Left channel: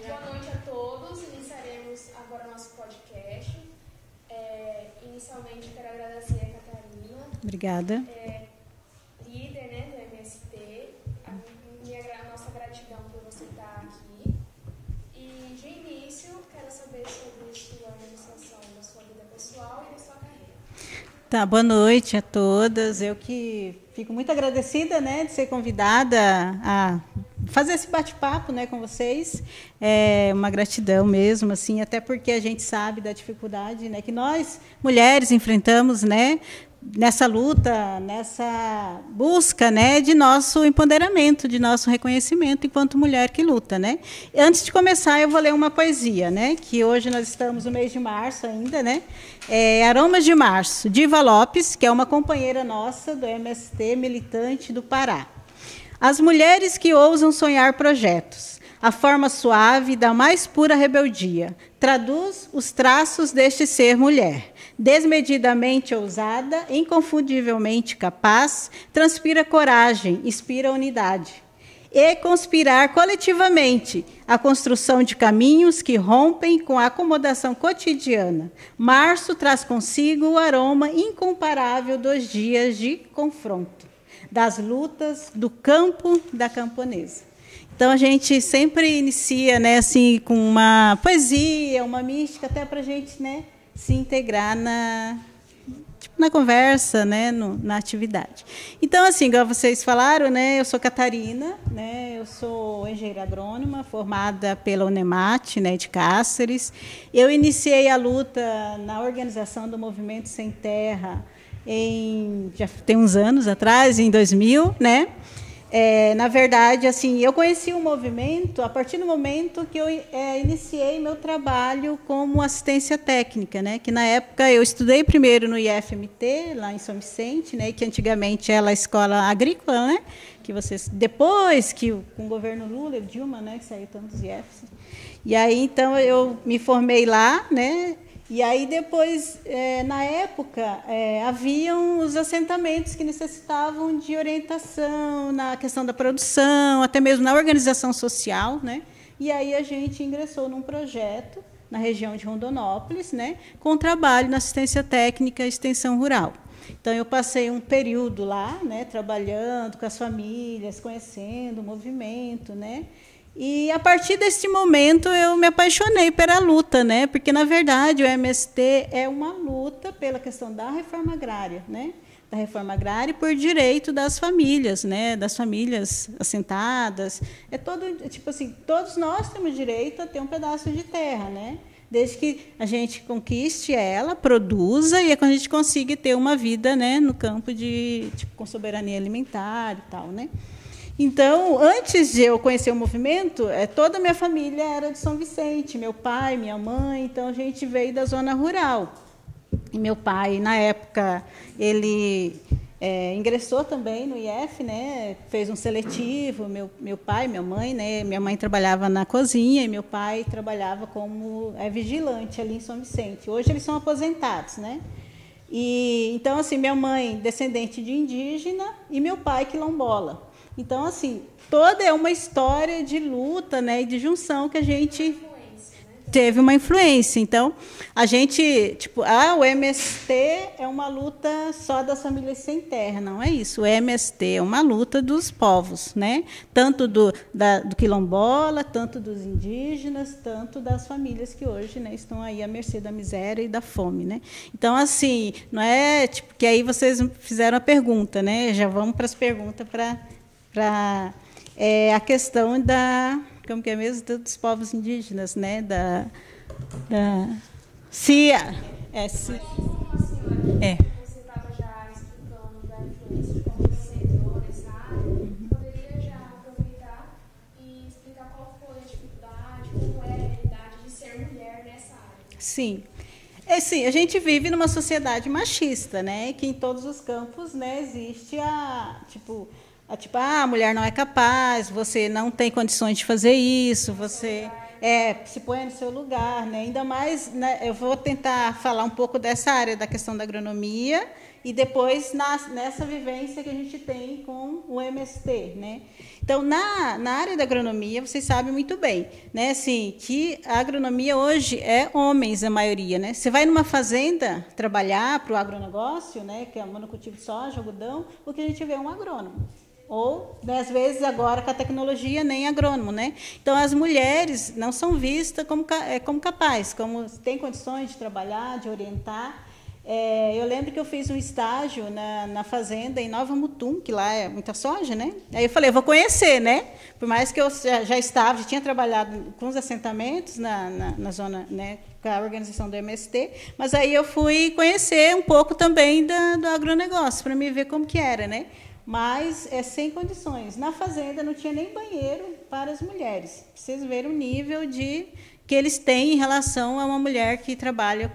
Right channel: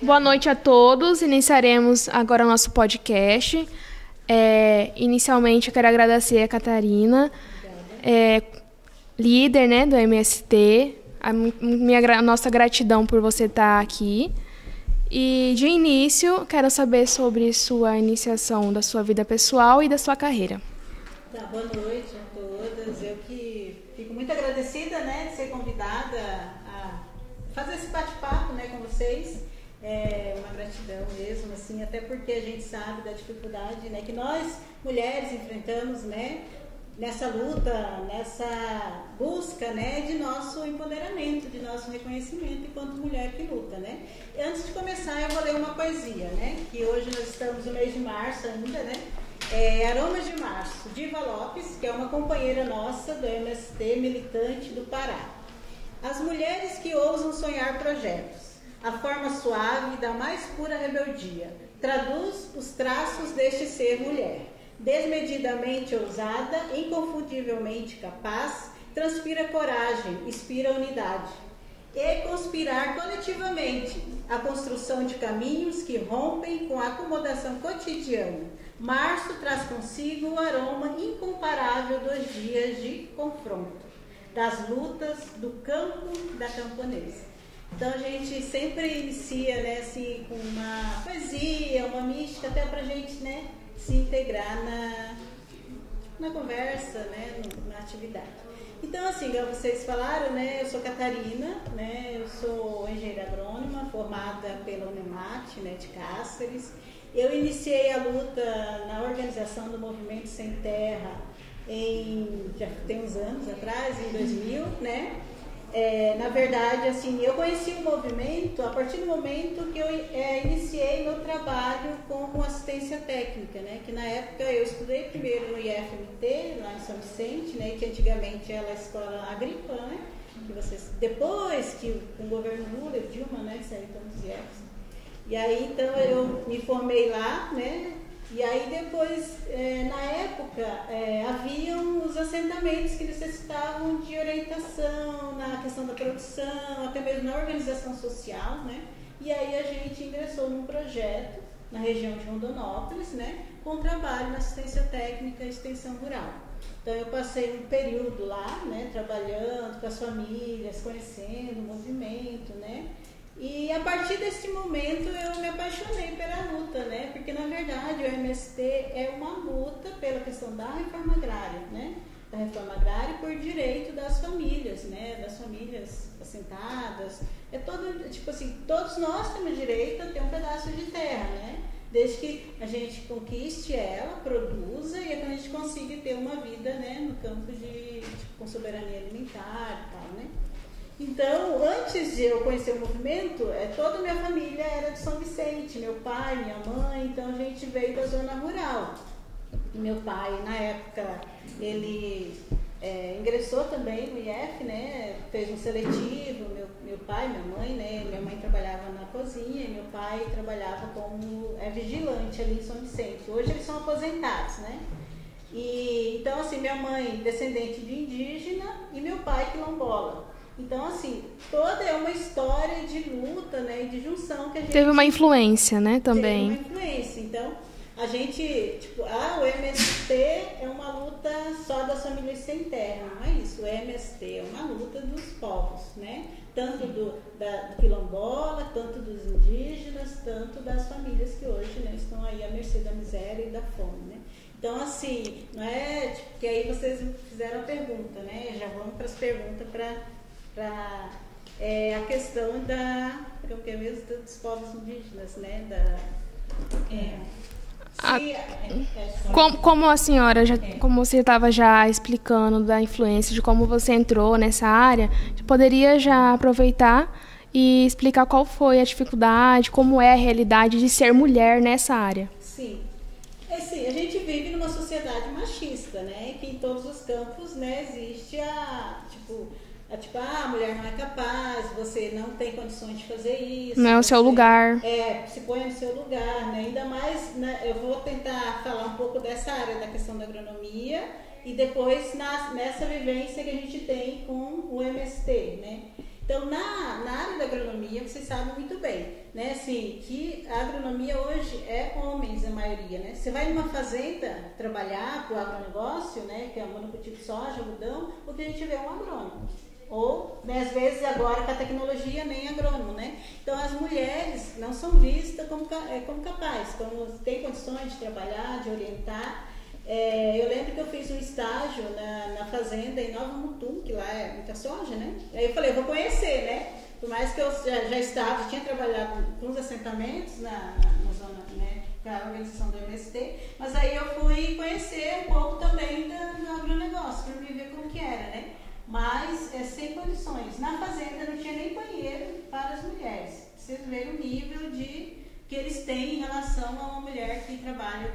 Boa noite a todos. Iniciaremos agora o nosso podcast. Inicialmente, eu quero agradecer a Catarina. Obrigada. Líder, né, do MST. A nossa gratidão por você estar aqui. E, de início, quero saber sobre sua iniciação da sua vida pessoal e da sua carreira. Tá, boa noite a todas. Eu que fico muito agradecida, né, de ser convidada a fazer esse bate-papo, né, com vocês. É uma gratidão mesmo, assim, até porque a gente sabe da dificuldade, né, que nós mulheres enfrentamos, né, nessa luta, nessa busca, né, de nosso empoderamento, de nosso reconhecimento enquanto mulher que luta, né. Antes de começar, eu vou ler uma poesia, né, que hoje nós estamos no mês de março ainda, né. Aromas de Março, Diva Lopes, que é uma companheira nossa do MST, militante do Pará. As mulheres que ousam sonhar projetos, a forma suave da mais pura rebeldia, traduz os traços deste ser mulher. Desmedidamente ousada, inconfundivelmente capaz, transpira coragem, inspira unidade. E conspirar coletivamente a construção de caminhos que rompem com a acomodação cotidiana. Março traz consigo o aroma incomparável dos dias de confronto, das lutas, do campo, da camponesa. Então, a gente sempre inicia, né, assim, com uma poesia, uma mística, até para a gente, né, se integrar na conversa, né, na atividade. Então, assim, igual vocês falaram, né, eu sou Catarina, né, eu sou engenheira agrônoma, formada pela Unemat, né, de Cáceres. Eu iniciei a luta na organização do Movimento Sem Terra já tem uns anos atrás, em 2000, né? Na verdade, assim, eu conheci o movimento a partir do momento que eu iniciei meu trabalho como assistência técnica, né? Que na época eu estudei primeiro no IFMT, lá em São Vicente, né? Que antigamente era a escola agrícola, né? Que depois que com o governo Lula e Dilma, né? Que saiu tantos IFs. E aí, então, eu me formei lá, né? E aí depois, na época, haviam os assentamentos que necessitavam de orientação na questão da produção, até mesmo na organização social, né? E aí a gente ingressou num projeto na região de Rondonópolis, né? Com trabalho na assistência técnica e extensão rural. Então, eu passei um período lá, né? Trabalhando com as famílias, conhecendo o movimento, né? E, a partir desse momento, eu me apaixonei pela luta, né? Porque, na verdade, o MST é uma luta pela questão da reforma agrária, né? Da reforma agrária e por direito das famílias, né? Das famílias assentadas. Tipo assim, todos nós temos direito a ter um pedaço de terra, né? Desde que a gente conquiste ela, produza, e é quando a gente consiga ter uma vida, né? No campo com soberania alimentar e tal, né? Então, antes de eu conhecer o movimento, toda a minha família era de São Vicente, meu pai, minha mãe, então a gente veio da zona rural. E meu pai, na época, ele ingressou também no IF, né, fez um seletivo, meu pai, minha mãe, né, minha mãe trabalhava na cozinha e meu pai trabalhava como vigilante ali em São Vicente. Hoje eles são aposentados, né? E, então, assim, minha mãe, descendente de indígena, e meu pai, quilombola. Então, assim, toda é uma história de luta, né, e de junção que a gente... Teve uma influência, né, também. Teve uma influência. Então, a gente, o MST é uma luta só das famílias sem terra. Não é isso. O MST é uma luta dos povos, né? Tanto do quilombola, tanto dos indígenas, tanto das famílias que hoje, né, estão aí à mercê da miséria e da fome, né? Então, assim, não é... que aí vocês fizeram a pergunta, né? Já vamos para as perguntas para a questão como que é mesmo, dos povos indígenas, né? Como a senhora, como você estava já explicando da influência, de como você entrou nessa área, poderia já aproveitar e explicar qual foi a dificuldade, como é a realidade de ser mulher nessa área? Sim. Sim, a gente vive numa sociedade machista, né? Que em todos os campos, né, existe a mulher não é capaz, você não tem condições de fazer isso. Não é o seu lugar. Se põe no seu lugar, né? Ainda mais, né, eu vou tentar falar um pouco dessa área da questão da agronomia E depois nessa vivência que a gente tem com o MST, né? Então, na área da agronomia, vocês sabem muito bem, né, assim, que a agronomia hoje é homens, a maioria, né? Você vai numa fazenda trabalhar para o agronegócio, né, que é o monocultivo de soja, algodão, o que a gente vê é um agrônomo. Ou, 10 vezes agora, com a tecnologia, nem agrônomo, né? Então, as mulheres não são vistas como capazes, como têm condições de trabalhar, de orientar. Eu lembro que eu fiz um estágio na fazenda em Nova Mutum, que lá é muita soja, né? Aí eu falei, eu vou conhecer, né? Por mais que eu já tinha trabalhado com os assentamentos na zona, né, com a organização do MST, mas aí eu fui conhecer um pouco também do agronegócio, para me ver como que era, né? Mas sem condições. Na fazenda não tinha nem banheiro para as mulheres. Vocês verem o nível que eles têm em relação a uma mulher que trabalha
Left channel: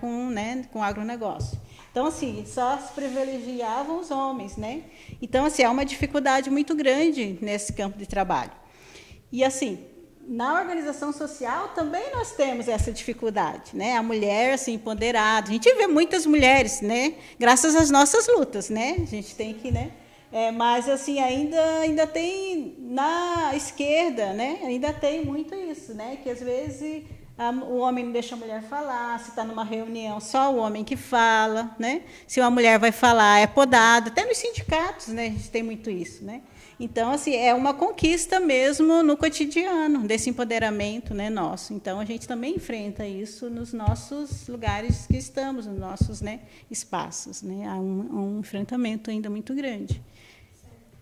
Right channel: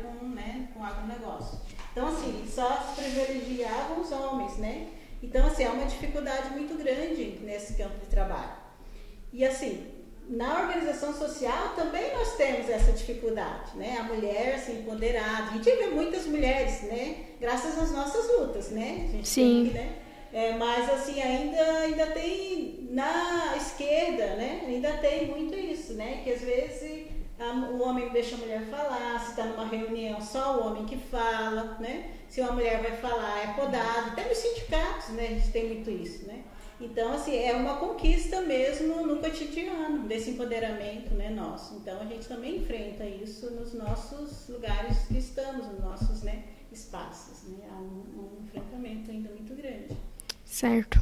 com agronegócio. Então, assim, só se privilegiavam os homens, né? Então, assim, há uma dificuldade muito grande nesse campo de trabalho. E, assim, na organização social também nós temos essa dificuldade, né? A mulher, assim, empoderada. A gente vê muitas mulheres, né? Graças às nossas lutas, né? A gente tem que, né? Mas, assim, ainda tem na esquerda, né? Ainda tem muito isso, né? Que, às vezes, o homem não deixa a mulher falar, se está numa reunião, só o homem que fala, né? Se uma mulher vai falar, é podada. Até nos sindicatos, né? A gente tem muito isso, né? Então, assim, é uma conquista mesmo no cotidiano, desse empoderamento, né, nosso. Então, a gente também enfrenta isso nos nossos lugares que estamos, nos nossos, né, espaços, né? Há um enfrentamento ainda muito grande. Certo.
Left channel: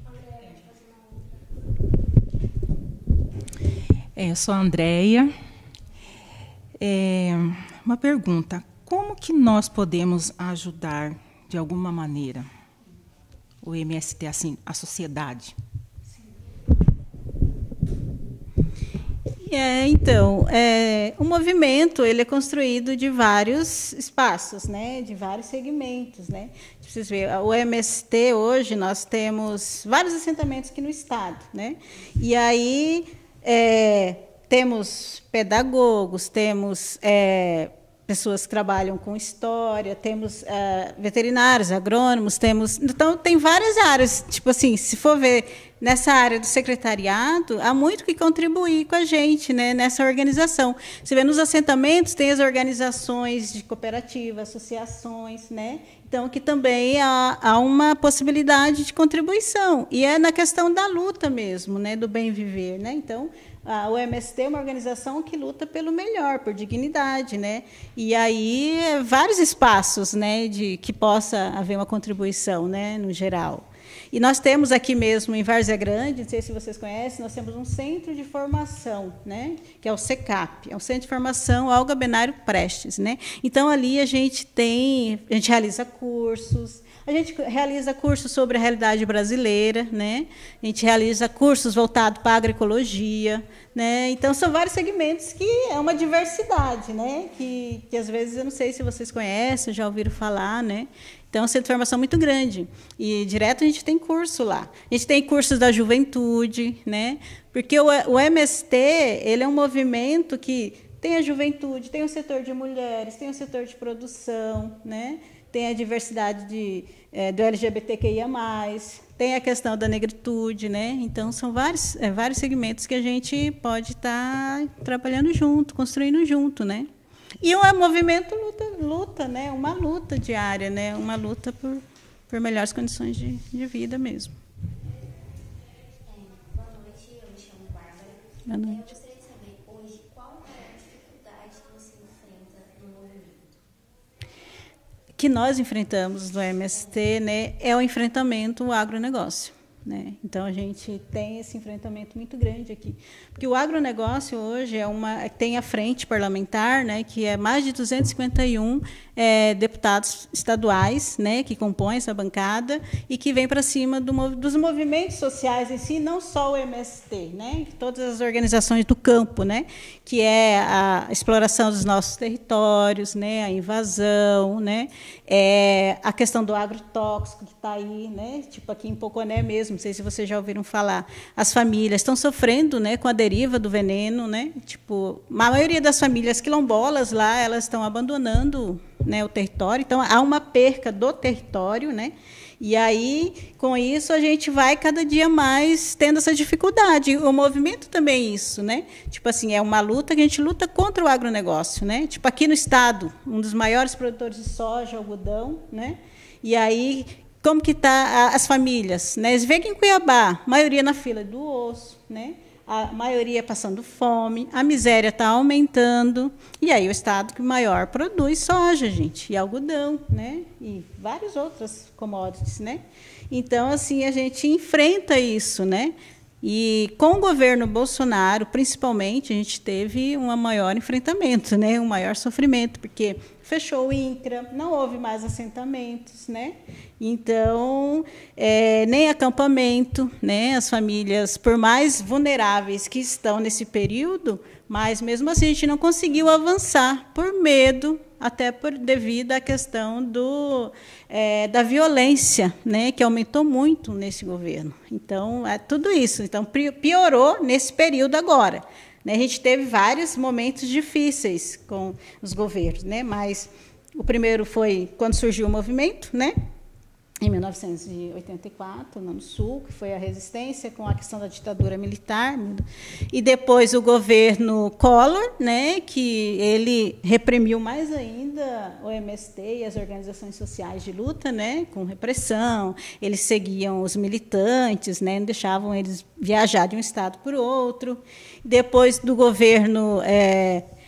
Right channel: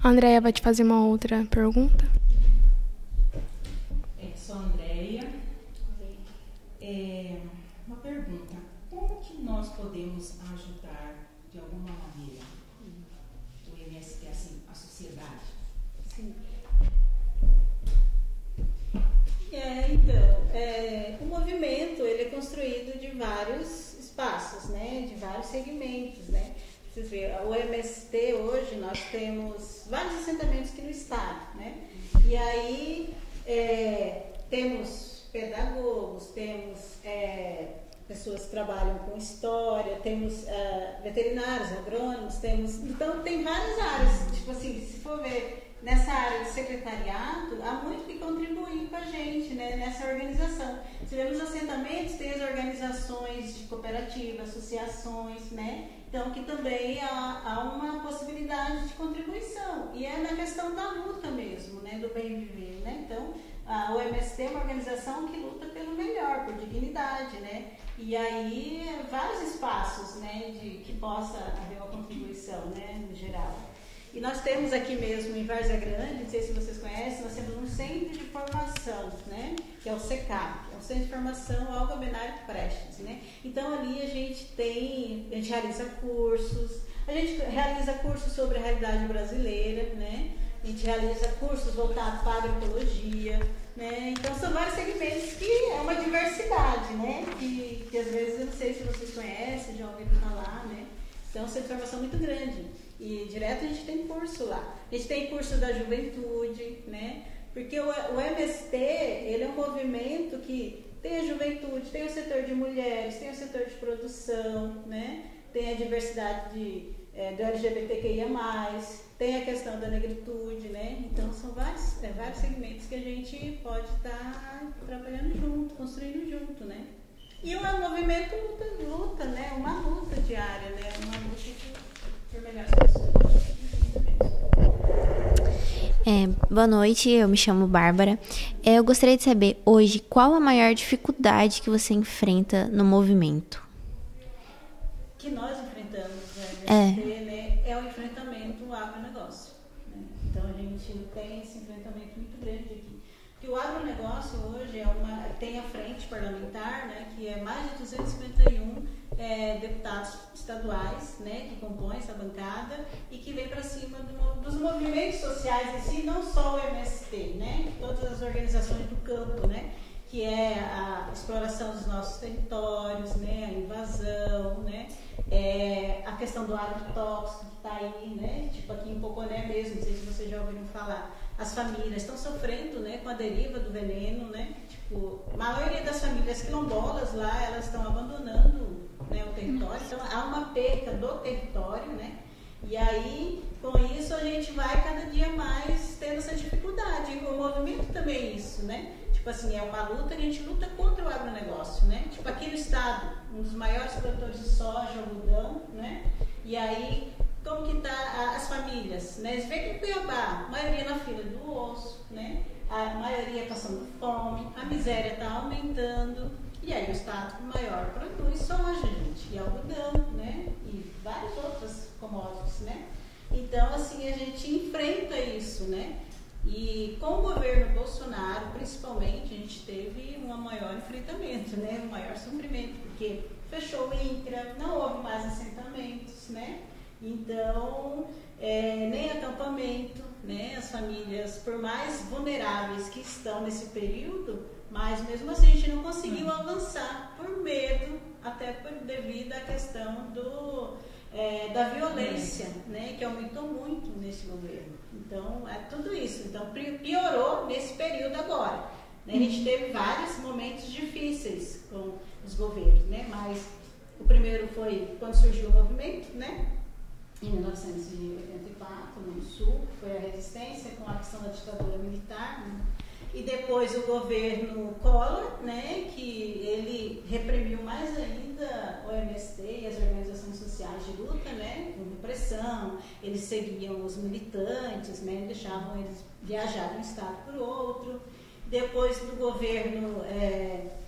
A Andréia vai te fazer uma outra pergunta. Eu sou a Andréia. Uma pergunta. Como que nós podemos ajudar, de alguma maneira, o MST, assim, a sociedade? Então, o movimento ele é construído de vários espaços, né? De vários segmentos, né? Vocês veem, o MST hoje nós temos vários assentamentos aqui no estado, né? E aí temos pedagogos, temos pessoas que trabalham com história, temos veterinários, agrônomos, então tem várias áreas, tipo assim, se for ver nessa área do secretariado, há muito que contribuir com a gente, né, nessa organização. Você vê nos assentamentos, tem as organizações de cooperativa, associações, né? Então, que também há uma possibilidade de contribuição. E é na questão da luta mesmo, né, do bem viver, né? Então, o MST é uma organização que luta pelo melhor, por dignidade, né? E aí, vários espaços, né, que possa haver uma contribuição, né, no geral. E nós temos aqui mesmo, em Várzea Grande, não sei se vocês conhecem, nós temos um centro de formação, né, que é o CECAP, é um centro de formação Olga Benário Prestes, né? Então, ali a gente realiza cursos, a gente realiza cursos sobre a realidade brasileira, né? A gente realiza cursos voltados para a agroecologia, né? Então, são vários segmentos que é uma diversidade, né? Que às vezes, eu não sei se vocês conhecem, já ouviram falar, né? Então, é um centro de formação muito grande. E direto a gente tem curso lá. A gente tem cursos da juventude, né? Porque o MST, ele é um movimento que tem a juventude, tem o setor de mulheres, tem o setor de produção, né? Tem a diversidade do LGBTQIA+, tem a questão da negritude, né? Então, são vários segmentos que a gente pode estar trabalhando junto, construindo junto, né? E um movimento luta, né? Uma luta diária, né? Uma luta por melhores condições de vida mesmo. Boa noite, eu me chamo Bárbara. Eu gostaria de saber, hoje, qual a maior dificuldade que você enfrenta no movimento? Que nós enfrentamos no MST, né? É o enfrentamento ao agronegócio, né? Então, a gente tem esse enfrentamento muito grande aqui. Porque o agronegócio hoje tem a frente parlamentar, né, que é mais de 251 deputados estaduais, né, que compõem essa bancada e que vem para cima dos movimentos sociais em si, não só o MST, né, todas as organizações do campo, né, que é a exploração dos nossos territórios, né, a invasão, né, a questão do agrotóxico que está aí, né, tipo aqui em Poconé mesmo, não sei se vocês já ouviram falar, as famílias estão sofrendo, né, com a deriva do veneno, né? Tipo, a maioria das famílias quilombolas lá, elas estão abandonando, né, o território, então há uma perca do território, né? E aí, com isso, a gente vai cada dia mais tendo essa dificuldade. O movimento também é isso, né? Tipo assim, é uma luta que a gente luta contra o agronegócio, né? Tipo, aqui no estado, um dos maiores produtores de soja, algodão, né? E aí, como que tá as famílias, né? Você vê que em Cuiabá, a maioria na fila do osso, né? A maioria passando fome, a miséria está aumentando, e aí o estado que maior produz soja, gente, e algodão, né? E várias outras commodities, né? Então, assim, a gente enfrenta isso, né? E com o governo Bolsonaro, principalmente, a gente teve um maior enfrentamento, né? Um maior sofrimento, porque fechou o INCRA, não houve mais assentamentos, né? Então, nem acampamento, né? As famílias, por mais vulneráveis que estão nesse período, mas mesmo assim a gente não conseguiu avançar por medo, até devido à questão da violência, né? Que aumentou muito nesse governo. Então, é tudo isso. Então, piorou nesse período agora, né? A gente teve vários momentos difíceis com os governos, né? Mas o primeiro foi quando surgiu o movimento, né? Em 1984, no Sul, que foi a resistência com a questão da ditadura militar, e depois o governo Collor, né, que ele reprimiu mais ainda o MST e as organizações sociais de luta, né, com repressão. Eles seguiam os militantes, né, não deixavam eles viajar de um estado para o outro. Depois do governo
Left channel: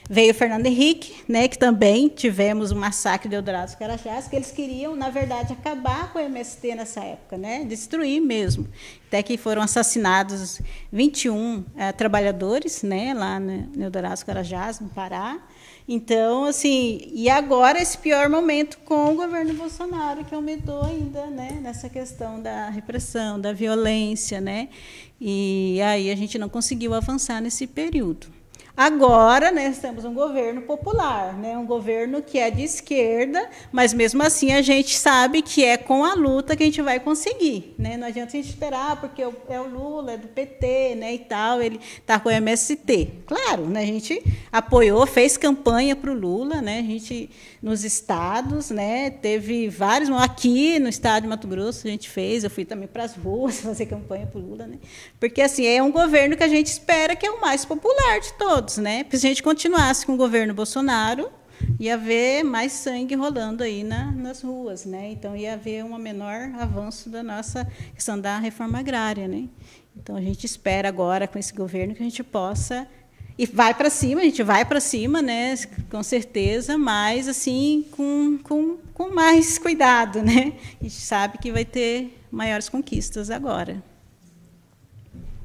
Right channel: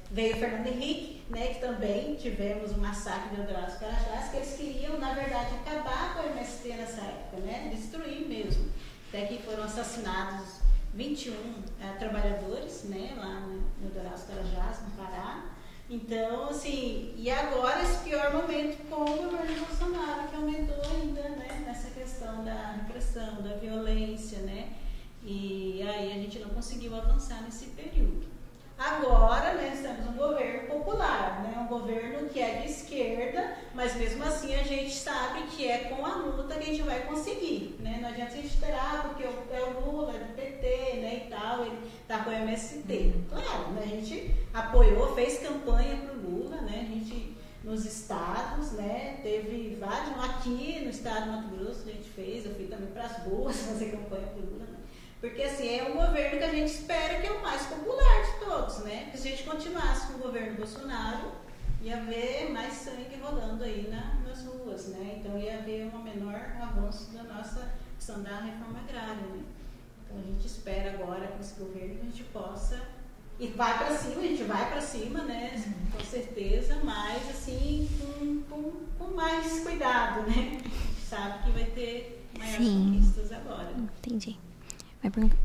veio Fernando Henrique, né, que também tivemos um massacre de Eldorado dos Carajás, que eles queriam, na verdade, acabar com o MST nessa época, né, destruir mesmo. Até que foram assassinados 21 trabalhadores, né, lá no Eldorado dos Carajás, no Pará. Então, assim, e agora esse pior momento com o governo Bolsonaro, que aumentou ainda, né, nessa questão da repressão, da violência, né, e aí a gente não conseguiu avançar nesse período. Agora, né, nós temos um governo popular, né, um governo que é de esquerda, mas mesmo assim a gente sabe que é com a luta que a gente vai conseguir, né? Não adianta a gente esperar, porque é o Lula, é do PT, né, e tal, ele está com o MST. Claro, né, a gente apoiou, fez campanha para o Lula, né, a gente nos estados, né, teve vários, aqui no estado de Mato Grosso a gente fez, eu fui também para as ruas fazer campanha para o Lula, né, porque assim, é um governo que a gente espera que é o mais popular de todos, né, porque se a gente continuasse com o governo Bolsonaro, ia haver mais sangue rolando aí nas ruas, né, então ia haver um menor avanço da nossa questão da reforma agrária, né, então a gente espera agora com esse governo que a gente possa. E vai para cima, a gente vai para cima, né, com certeza, mas assim, com mais cuidado, né? A gente sabe que vai ter maiores conquistas agora. Entendi. Vai perguntar.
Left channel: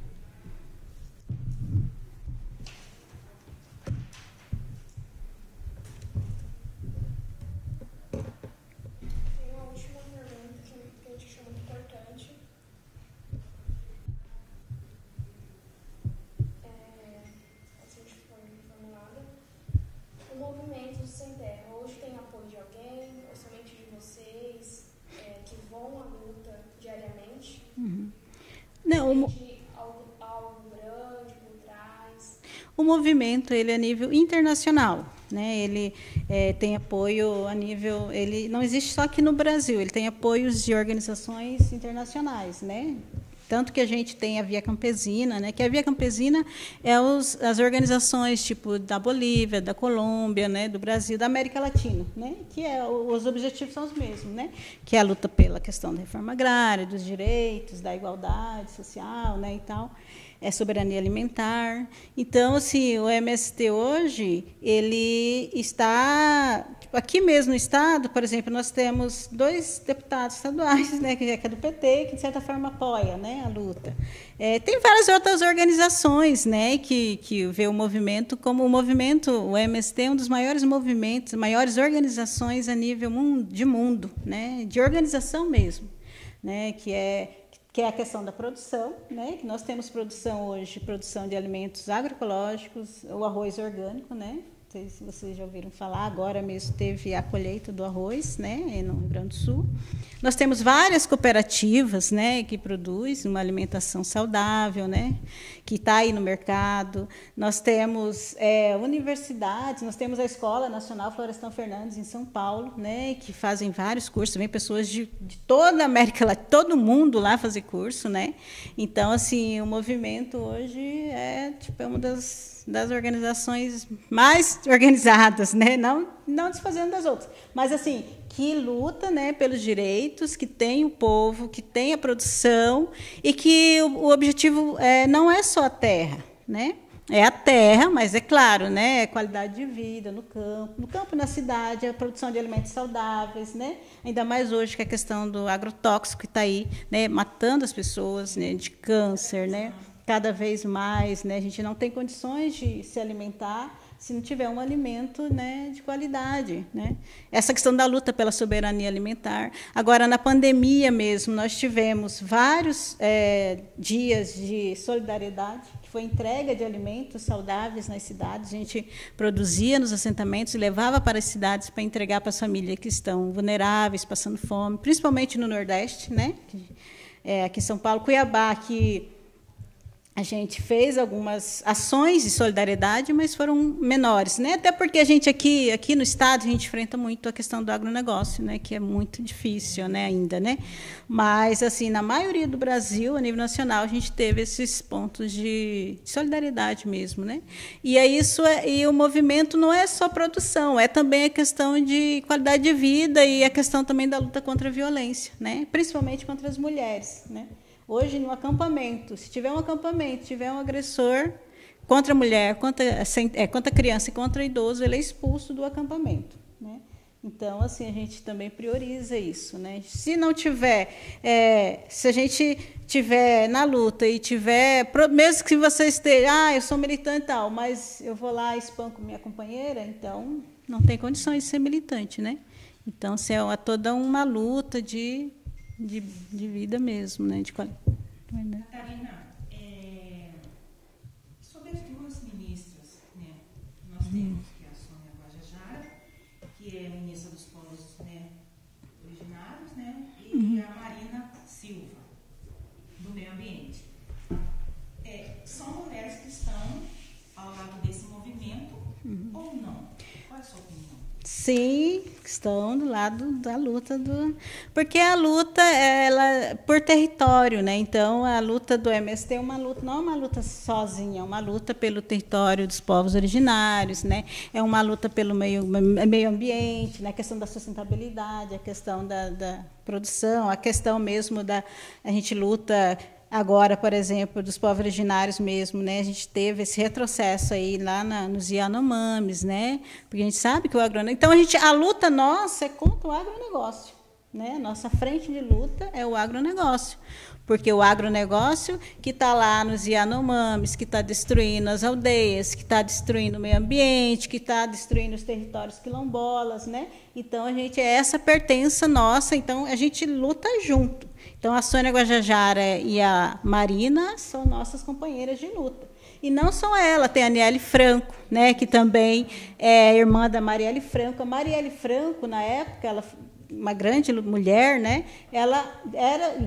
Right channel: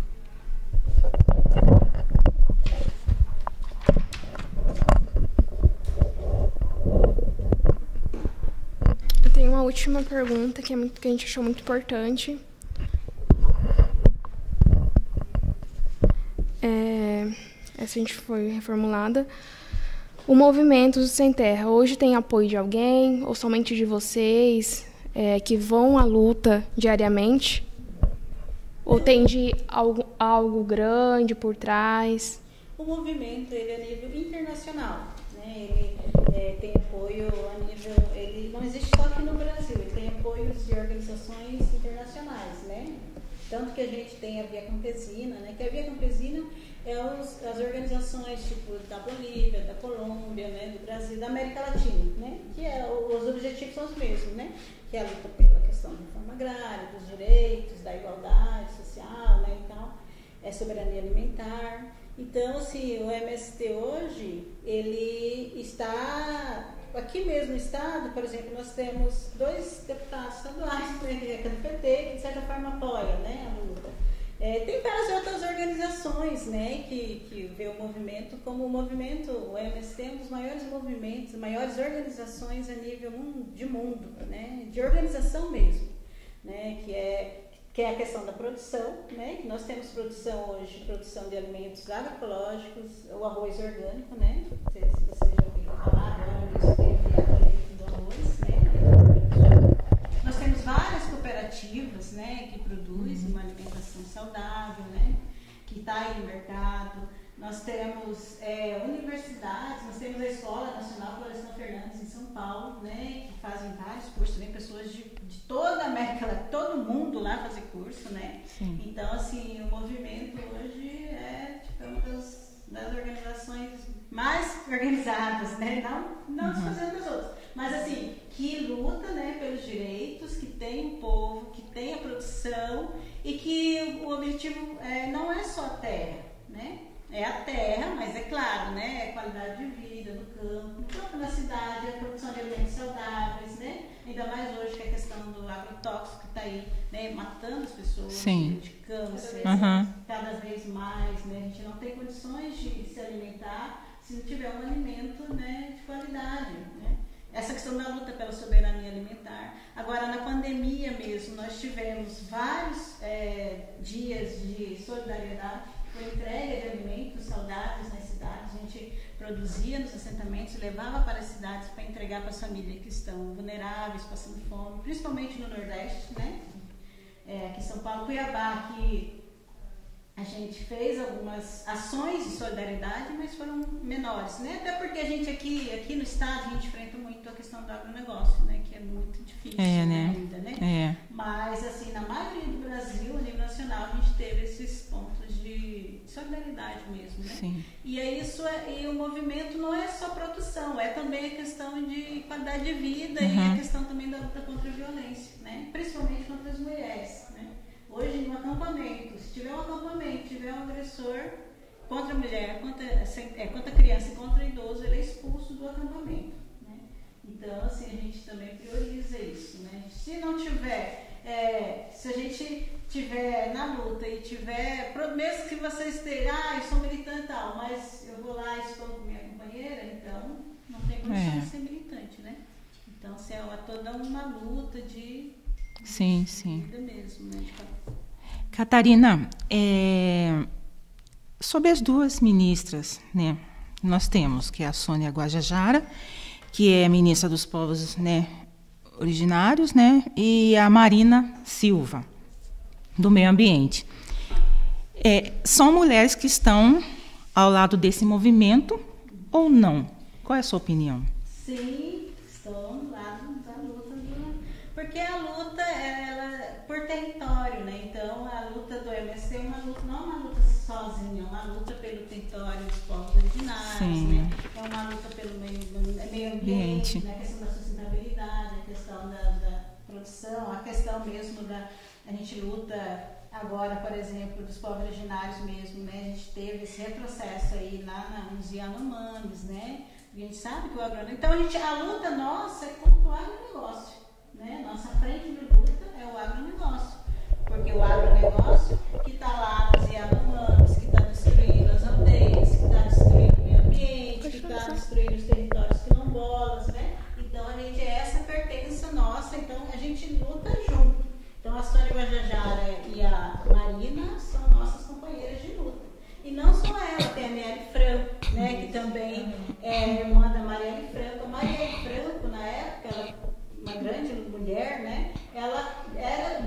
Eu tenho uma última pergunta que a gente achou muito importante. Essa a gente foi reformulada. O movimento Sem Terra hoje tem apoio de alguém ou somente de vocês que vão à luta diariamente? Ou tem de algo grande por trás? O movimento ele é a nível internacional, né? Ele tem apoio a nível, ele não existe só aqui no Brasil, ele tem apoios de organizações internacionais, né? Tanto que a gente tem a Via Campesina, né? Que a Via Campesina é as organizações tipo da Bolívia, da Colômbia, né? Do Brasil, da América Latina, né? Que os objetivos são os mesmos, né? Que é a luta pela questão da reforma agrária, dos direitos, da igualdade social, né? E tal, soberania alimentar. Então, assim, o MST hoje ele está aqui mesmo no estado, por exemplo, nós temos 2 deputados estaduais, né, que é do PT, que de certa forma apoia, né, a luta. Tem várias outras organizações, né, que vê o movimento como o MST é um dos maiores movimentos, maiores organizações a nível de mundo, né, de organização mesmo, né, que é a questão da produção, né? Que nós temos produção hoje, produção de alimentos agroecológicos, o arroz orgânico, né? Não sei se vocês já ouviram falar, agora mesmo teve a colheita do arroz, né? Aí no Rio Grande do Sul. Nós temos várias cooperativas, né, que produzem uma alimentação saudável, né, que está aí no mercado. Nós temos universidades, nós temos a Escola Nacional Florestan Fernandes, em São Paulo, né, que fazem vários cursos, vem pessoas de toda a América Latina, todo mundo lá fazer curso, né? Então, assim, o movimento hoje é uma das organizações mais organizadas, né? Não desfazendo das outras, mas assim, que luta, né, pelos direitos, que tem o povo, que tem a produção e que o objetivo não é só a terra, né? É a terra, mas é claro, né? É qualidade de vida no campo e na cidade, a produção de alimentos saudáveis, né? Ainda mais hoje que a questão do agrotóxico que está aí, né? Matando as pessoas, né? De câncer, né? Cada vez mais, né? A gente não tem condições de se alimentar se não tiver um alimento, né, de qualidade, né? Essa questão da luta pela soberania alimentar. Agora, na pandemia mesmo, nós tivemos vários dias de solidariedade. Foi entrega de alimentos saudáveis nas cidades. A gente produzia nos assentamentos e levava para as cidades para entregar para as famílias que estão vulneráveis, passando fome, principalmente no Nordeste, né? Aqui em São Paulo, Cuiabá, que a gente fez algumas ações de solidariedade, mas foram menores, né? Até porque a gente aqui no estado a gente enfrenta muito a questão do agronegócio, né? Que é muito difícil, né? Ainda, né? Mas assim, na maioria do Brasil, a nível nacional, a gente teve esses pontos de solidariedade mesmo, né? Sim. E é isso, e o movimento não é só produção, é também a questão de qualidade de vida e a questão também da luta contra a violência, né? Principalmente contra as mulheres, né? Hoje, no acampamento, se tiver um acampamento, tiver um agressor contra a mulher, contra a criança e contra o idoso, ele é expulso do acampamento, né? Então, assim, a gente também prioriza isso, né? Se não tiver, se a gente tiver na luta e tiver, mesmo que você esteja, eu sou militante e tal, mas eu vou lá e espanco minha companheira, então não tem condições de ser militante, né? Então, assim, é toda uma luta de vida mesmo, né? Catarina, sobre as duas ministras, né? Nós temos que é a Sônia Guajajara, que é ministra dos povos, né, originários, né? E a Marina Silva, do meio ambiente. São mulheres que estão ao lado desse movimento ou não? Qual é a sua opinião? Sim, estão do lado da luta porque a luta ela por território, né? Então a luta do MST é uma luta, não é uma luta sozinha, é uma luta pelo território dos povos originários, né? É uma luta pelo meio ambiente, né? A questão da sustentabilidade, a questão da produção, a questão mesmo a gente luta agora, por exemplo, dos povos originários mesmo, né? A gente teve esse retrocesso aí lá nos Yanomamis, né? Porque a gente sabe que o agronegócio... Então, a luta nossa é contra o agronegócio, né? Nossa frente de luta é o agronegócio. Porque o agronegócio que está lá nos Yanomamis, que está destruindo as aldeias, que está destruindo o meio ambiente, que está destruindo os territórios quilombolas, né? Então, essa pertença nossa, então a gente luta junto. Então, a Sônia Guajajara e a Marina são nossas companheiras de luta. E não só ela, tem a Aniele Franco, né, que também é irmã da Marielle Franco. A Marielle Franco, na época, ela uma grande mulher, né? Ela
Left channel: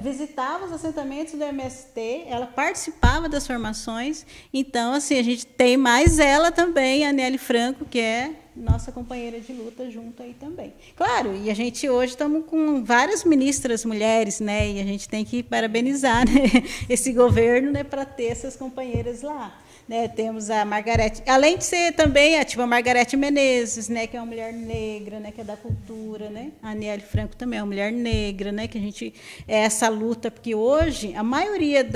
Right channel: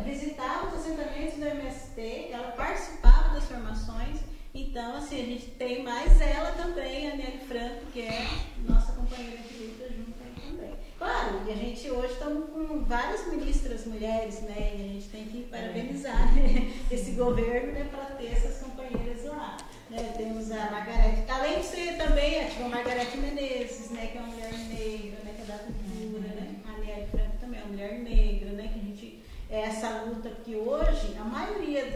visitava os assentamentos do MST, ela participava das formações. Então, assim, a gente tem mais ela também, a Aniele Franco, que é nossa companheira de luta junto aí também. Claro, e a gente hoje estamos com várias ministras mulheres, né? E a gente tem que parabenizar, né, esse governo, né, para ter essas companheiras lá. Né, temos a Margarete, além de ser também a Margarete Menezes, né, que é uma mulher negra, né, que é da cultura, né, a Aniele Franco também é uma mulher negra, né, que a gente essa luta, porque hoje a maioria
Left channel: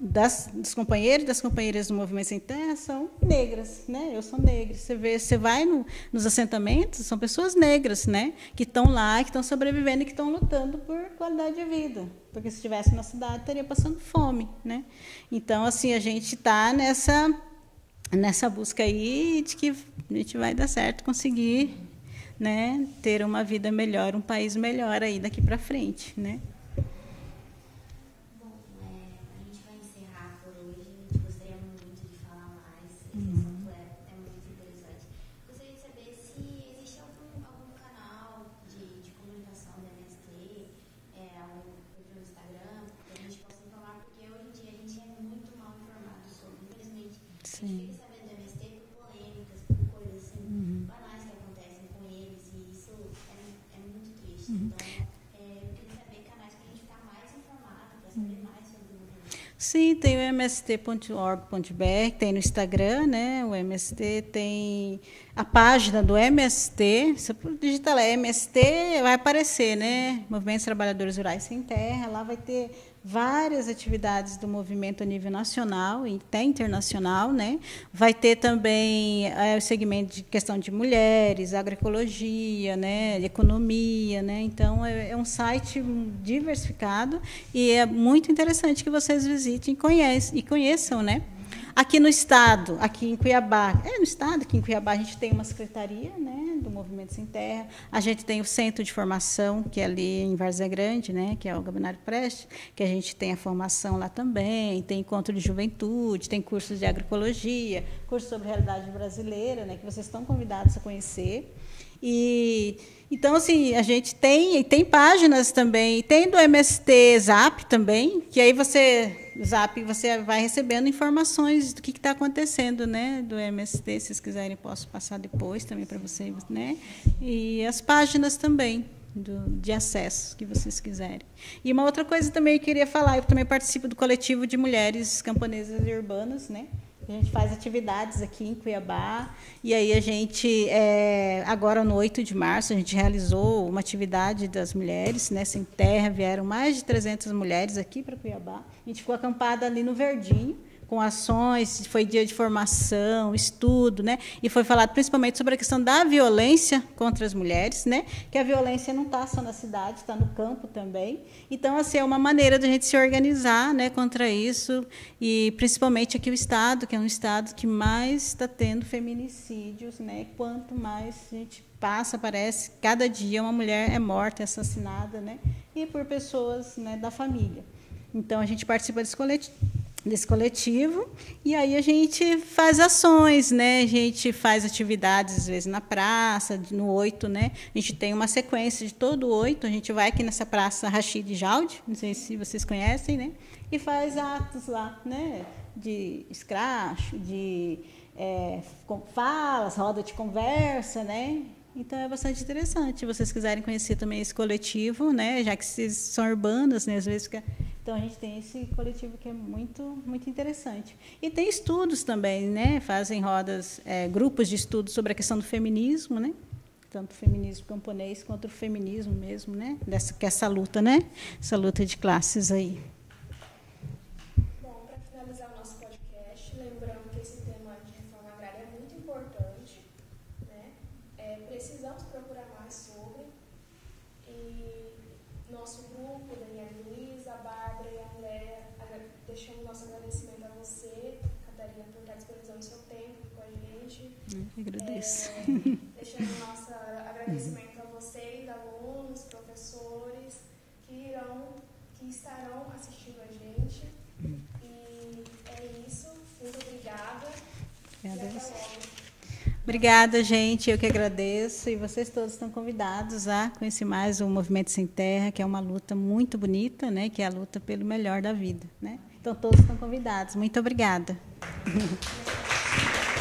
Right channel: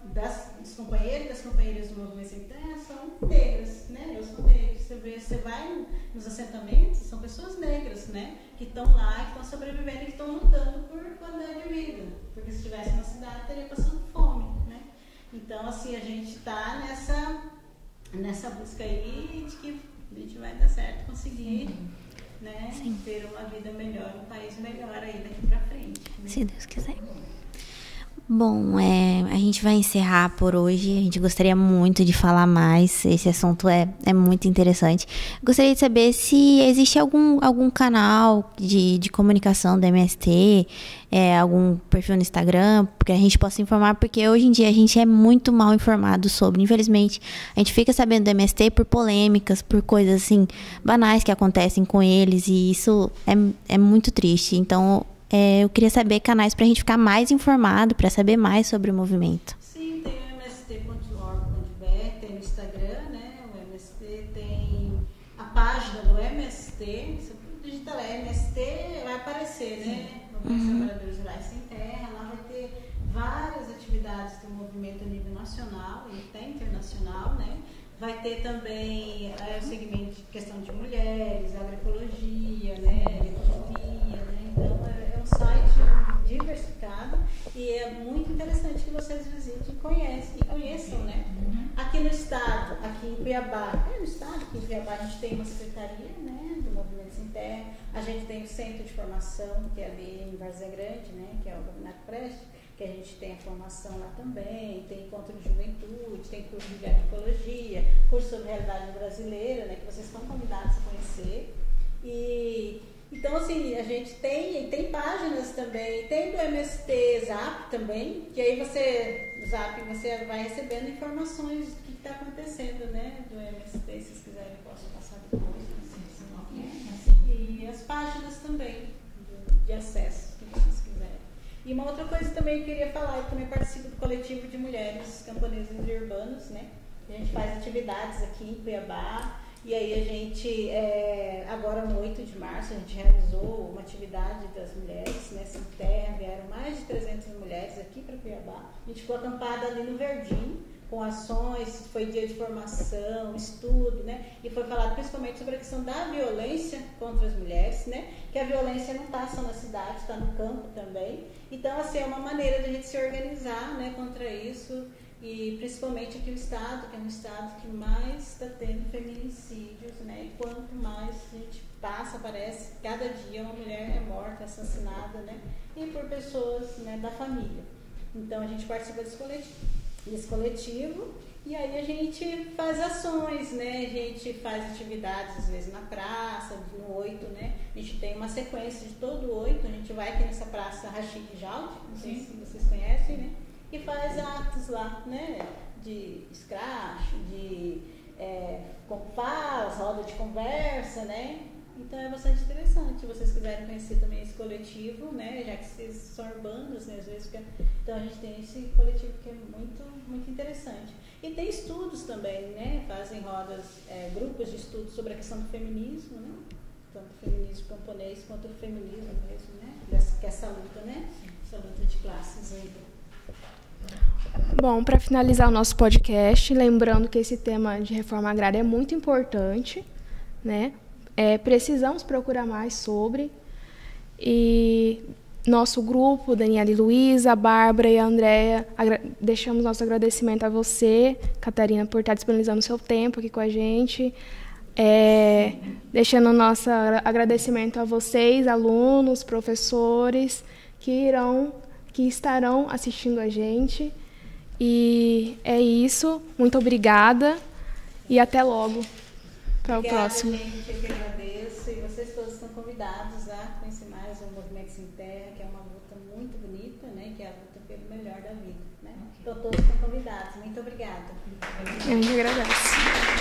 dos companheiros e das companheiras do Movimento Sem Terra são negras, né, eu sou negra, você vai nos assentamentos, são pessoas negras, né, que estão lá, que estão sobrevivendo e que estão lutando por qualidade de vida, porque se estivesse na cidade estaria passando fome, né. Então, assim, a gente está nessa busca aí de que a gente vai dar certo, conseguir, né, ter uma vida melhor, um país melhor aí daqui para frente, né? Se Deus quiser. Bom, a gente vai encerrar por hoje. A gente gostaria muito de falar mais. Esse assunto é muito interessante. Gostaria de saber se existe algum canal de comunicação do MST, algum perfil no Instagram, que a gente possa informar, porque hoje em dia a gente é muito mal informado sobre. Infelizmente, a gente fica sabendo do MST por polêmicas, por coisas assim banais que acontecem com eles, e isso é muito triste. Então, eu queria saber canais para a gente ficar mais informado, para saber mais sobre o movimento. Sim, tem o mst.org.br, tem no Instagram, né? O MST tem a página do MST. Você digita lá, MST, vai aparecer, né? Movimentos Trabalhadores Rurais Sem Terra. Lá vai ter várias atividades do movimento a nível nacional e até internacional, né? Vai ter também o segmento de questão de mulheres, agroecologia, né? Economia, né? Então é um site diversificado e é muito interessante que vocês visitem e conheçam, né? Aqui no estado, aqui em Cuiabá, aqui em Cuiabá a gente tem uma secretaria, né, do Movimento Sem Terra, a gente tem o centro de formação, que é ali em Várzea Grande, né, que é o Gabinário Preste, que a gente tem a formação lá também, tem encontro de juventude, tem cursos de agroecologia, curso sobre realidade brasileira, né, que vocês estão convidados a conhecer. Então, assim, a gente tem páginas também, tem do MST Zap também, que aí você vai recebendo informações do que está acontecendo, né, do MST. Se vocês quiserem, posso passar depois também para vocês, né? E as páginas também de acesso, que vocês quiserem. E uma outra coisa também que eu queria falar, eu também participo do coletivo de mulheres camponesas e urbanas, né? A gente faz atividades aqui em Cuiabá. E aí a gente, agora no 8 de março, a gente realizou uma atividade das mulheres, né, sem terra, vieram mais de 300 mulheres aqui para Cuiabá. A gente ficou acampada ali no Verdinho, com ações, foi dia de formação, estudo, né? E foi falado principalmente sobre a questão da violência contra as mulheres, né? Que a violência não está só na cidade, está no campo também. Então, assim, é uma maneira de a gente se organizar, né, contra isso, e principalmente aqui o estado, que é um estado que mais está tendo feminicídios, né? Quanto mais a gente passa, parece, cada dia uma mulher é morta, é assassinada, né? E por pessoas, né, da família. Então, a gente participa desse coletivo, e aí a gente faz ações, né? A gente faz atividades, às vezes, na praça, no 8, né? A gente tem uma sequência de todo o 8, a gente vai aqui nessa praça Rachid Jaldi, não sei se vocês conhecem, né? E faz atos lá, né? De escracho, de falas, roda de conversa, né? Então, é bastante interessante. Se vocês quiserem conhecer também esse coletivo, né? Já que vocês são urbanas, né? Às vezes então, a gente tem esse coletivo que é muito, muito interessante. E tem estudos também, né? Fazem rodas, grupos de estudos sobre a questão do feminismo, né? Tanto o feminismo camponês quanto o feminismo mesmo, né? Essa luta, né? Essa luta de classes aí. Bom, para finalizar o nosso podcast, lembrando que esse tema de reforma agrária é muito importante, né? Precisamos procurar mais sobre. E nosso grupo, Daniela e Luísa, a Bárbara e a Andréia, deixamos nosso agradecimento a você, Catarina, por estar disponibilizando o seu tempo aqui com a gente. Deixando nosso agradecimento a vocês, alunos, professores, que estarão assistindo a gente. E é isso. Muito obrigada e até logo. Obrigada, gente. Eu que agradeço. E vocês todos estão convidados a conhecer mais o Movimento Sem Terra, que é uma luta muito bonita, né? Que é a luta pelo melhor da vida, né? Então, todos estão convidados. Muito obrigada. Eu que agradeço.